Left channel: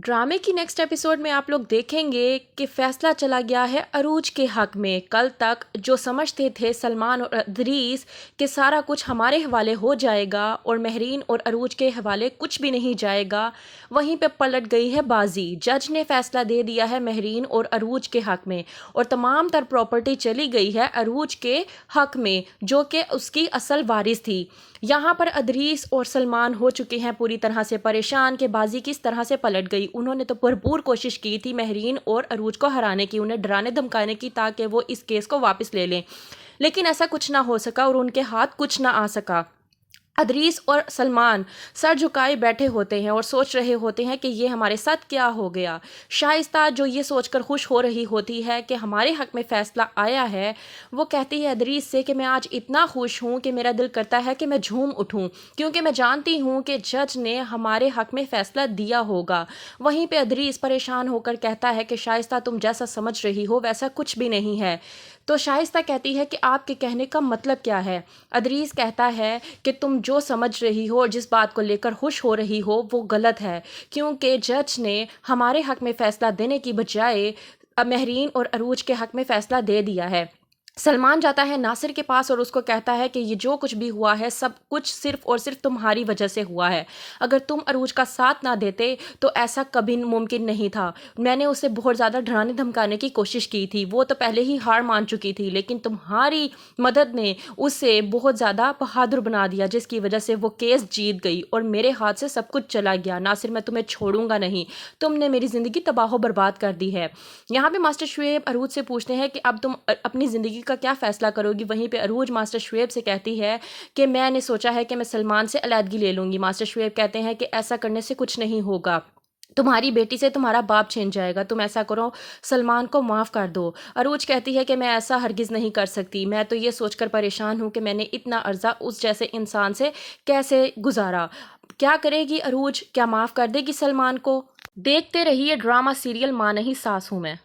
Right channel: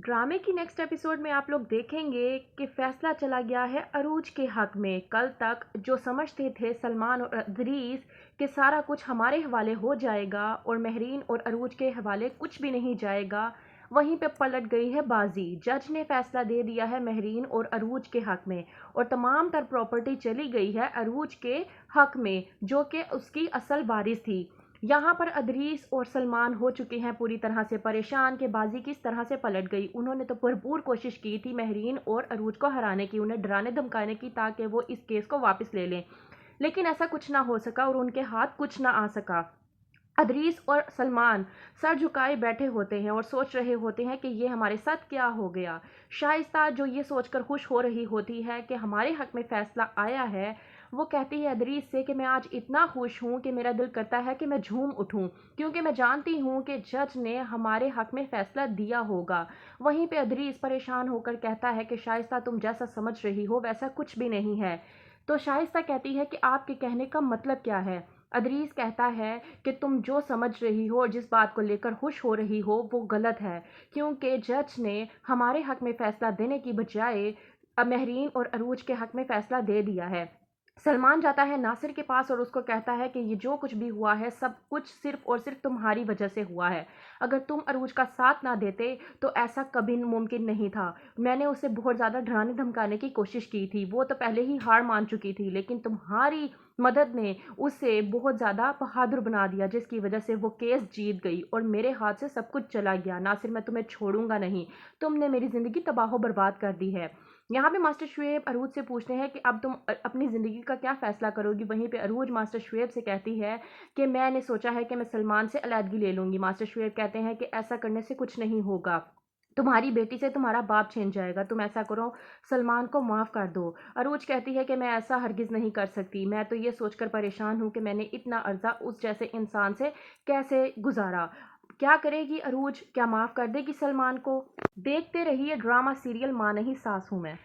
ड्रामे की next episode में आप लोग देखेंगे कि फैसला चला गया है अरूज के हक में। कल तक जो समझते थे सलमान और अदरीस कि सारा कुछ हमारे हवाले हो जाएगा और महरीन और अरूज के हवाले कुछ भी नहीं जाएगा, वहीं पे पलट गई है बाजी। जज ने फैसला दे दिया है महरीन और अरूज के हक में और तमाम तर प्रॉपर्टी चली गई है अरूज के हक में, जो कि उसकी असल वारिस थी। यहाँ पर अदरीस और सलमान हो चुके हैं पूरी तरह से परेशान कि बाजी किस तरह से पलट गई। उन्होंने तो भरपूर कोशिश की थी महरीन और अरूज को हराने की, उन्हें डराने धमकाने की ताकि वो इस केस को वापस ले लें, लेकिन ऐसा कुछ ना हो सका और उनके हाथ कुछ ना आ सका। अदरीस और सलमान सर झुकाए बैठे होते हैं और सोच रहे होते हैं कि ये हमारे साथ क्या हो गया। शाइस्ता जो ये सोचकर खुश हो रही होती है कि हमारे हक में फ़ैसला आया है, वो कहती है अदरीस से कि मैं आज इतना खुश हूँ कि मेरा दिल करता है कि मैं झूम उठूँ, क्योंकि मैं जानती हूँ कि जज ने हमारे हक में फ़ैसला दिया होगा। वहीं पे अदरीस परेशान होकर कहता है कि शाइस्ता तुम जैसा समझ रही हो वैसा कुछ भी नहीं है। तो शाइस्ता कहती है कि आपके कहने का मतलब क्या है। अदरीस कहता है कि तुम जो समझ रही हो और जिस बात को लेकर खुश हो रही हो वो गलत है, क्योंकि जज ने हमारे हक में फ़ैसला देने की बजाय महरीन और अरूज के हक में फ़ैसला दे दिया है। सलमान जाता है नासिर के पास और उसको कहता है कि ये जो कुछ भी हुआ है सब कुछ सिर्फ और सिर्फ तुम्हारी वजह से हुआ है। अगर तुम अरूज का साथ ना देते तो ऐसा कभी मुमकिन नहीं था। मैंने उसे बहुत ज़्यादा डराने धमकाने की कोशिश की थी, वो तो पहले ही हार मान चुकी थी, लेकिन तुम्हारी मदद ने उसे बहुत ज़्यादा बहादुर बना दिया, जिसकी वजह से वो केस जीत गई और मेरे हाथ से सब कुछ चला गया। नासिर मैं तुम्हें छोड़ूंगा नहीं, तुमने मेरी ज़िंदगी तबाह बर्बाद कर दी है। यहाँ पे मास्टर शुएब अरूज से पूछते हैं कि अब तुम अपनी ज़िंदगी का क्या फ़ैसला करोगी। वहीं पे अरूज मास्टर शुएब से कहती है कि मैंने सोचा है कि मैं सलमान से अलहदगी ले लूँगी। मास्टर शुएब कहते हैं कि ऐसा करने से कुछ नहीं होगा, तुम्हारी बेटी से तुम्हारा बाप छिन जाएगा, तुम ऐसा करो सलमान को माफ़ कर दो। अरूज कहती है कि मैं ऐसा हरगिज़ नहीं कर सकती, मैं तो ये सोचकर परेशान हूँ कि मैंने इतना अर्जा उस जैसे इंसान से कैसे गुजारा। क्या करेगी अरूज, क्या माफ़ कर देगी सलमान को? देखते रहिए ड्रामा सीरियल माँ नहीं सास हूँ मैं।